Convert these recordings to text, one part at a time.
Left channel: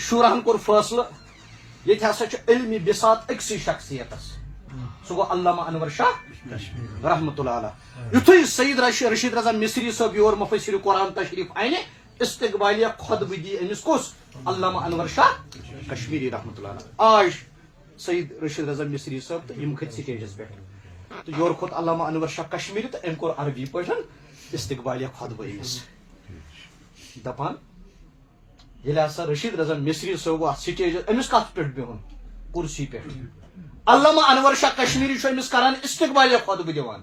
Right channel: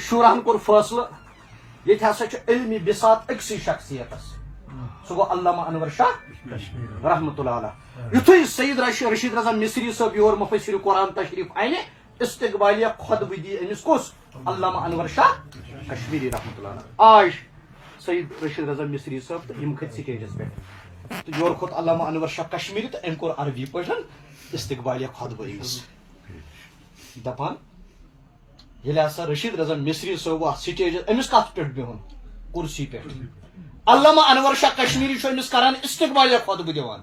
شورہن کور فیصلہ یہ ہسا علمی بسات اکسی شخصیت سہ گو علامہ انور شاہ رحمۃ اللہ علیہ یتھے سید رشید رضا مصری صاحب یور مفسر قرآن تشریف انہ استقبالیہ خطبہ دی امس کس علامہ انور شاہ کشمیری رحمۃ اللہ علیہ آج سید رشید رضا مصری صاحب تو یم کھت سٹیجس پہ تو یور کھوت علامہ انور شاہ کشمیری تو ام کور عربی پہ استقبالیہ خطبہ امس دپان یل ہسا رشید رضا مصری صاحب سٹیج امس کت پہ بہن کرسی پہ علامہ انور شاہ کشمیری امس کران استقبالیہ خطبہ دیوان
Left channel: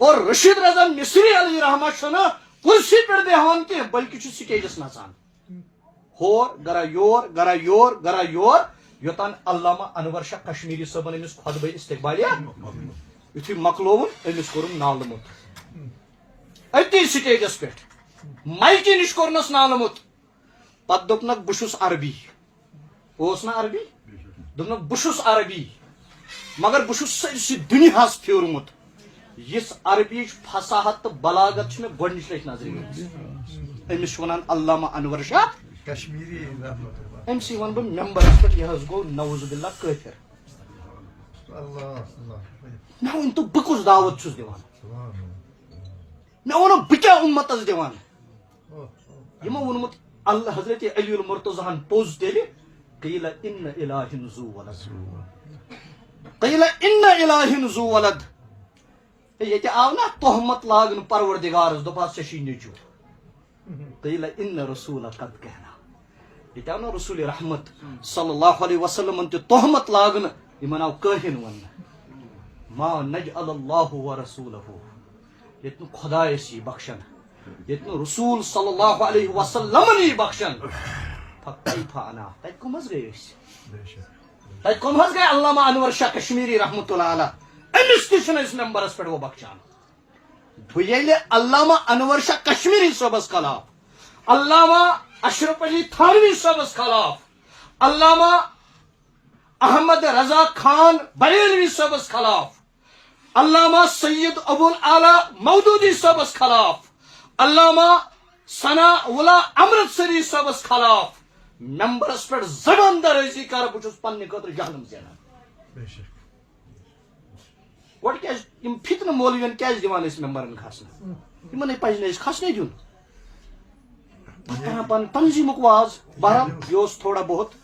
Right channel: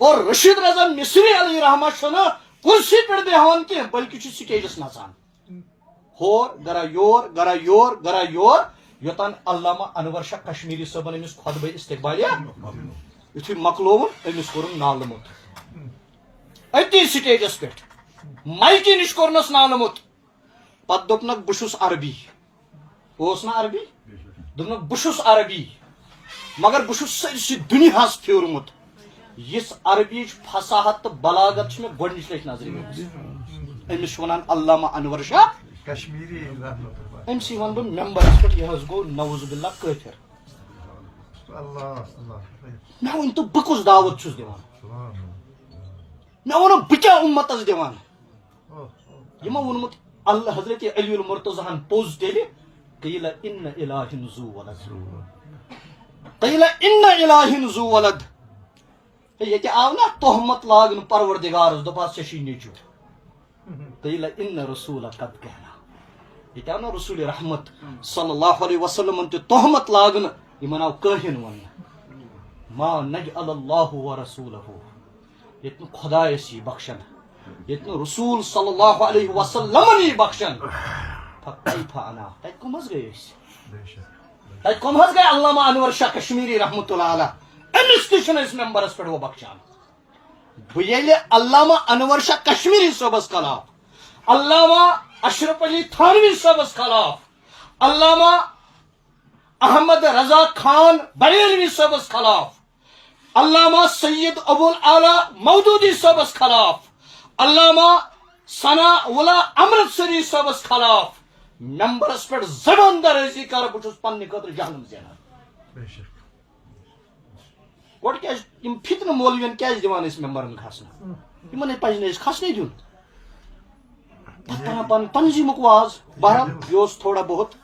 اور رشید رضا مصری علیہ رحمہ چھنا کرسی پہ بیہوان کی بلکہ سٹیجس نژان ہور گرا یور گرا یور گرا یور یوتان علامہ انور شاہ کشمیری صاحبن امس خطبہ استقبالیہ یتھے مکلوون امس کورن نالمت اتی سٹیجس پہ مائکی نش کورنس نالمت پتہ دپنک بشس عربی اوس نا عربی دپنک بشس عربی مگر بشس سرسی دنیاہس پھیورمت یس عربی فصاحت تو بلاغت میں گۄڈنِچ لٹہِ نظر امس ونان علامہ انور شاہ کشمیری امسی ون بہ ممبرس پہ یہ گو نوز باللہ کافر مے ون تو بہ کس دعوت چھس دِوان مے ون بہ کیا امتس دِوان یمو وونمت اللہ حضرت علی المرتضیٰ پوز تیلہِ قیل ان الہ ذو ولد قیل ان الہ ذو ولد یہ آو نا تہمت لاگن پروردگارس دپاس ژےٚ چھی نیٚچو قیل ان رسول قد کہنا یہ آو نا رسول رحمت صلی اللہ علیہ وسلم تہ تہمت لاگن یمن آو کاہن ون ما نجعل اللہ ورسولہ یت نہ خدایس یہ بخشن یت نہ رسول صلی اللہ علیہ وسلم یہ بخشن فکیف انا تتہ کم حظ گئی تتہ کم حظ گئی علامہ انور شاہ کشمیری رحمۃ اللہ علیہ امس تہ اس ممبرس پہ وہ بخشان بہ ییٚلہِ علامہ انور شاہ کشمیری صٲبس خلاف علامہ اشرف علی تھانوی صٲبس خلاف علامہ احمد رضا خان بریلوی صٲبس خلاف علامہ سید ابو الاعلیٰ مودودی صٲبس خلاف علامہ ثنا اللہ امرتسری صٲبس خلاف ممبرس پہ زبان درازی کر بہ چھس پننہ خاطر جہنم زینان گوڑ کیا فتنہ مولوین کیا دِوان اس ممبرن کھسن یمن پزِ نہٕ کھسنے دیُن پتہ پن تنظیمک واز بہرحال یہ تھوڑا بہت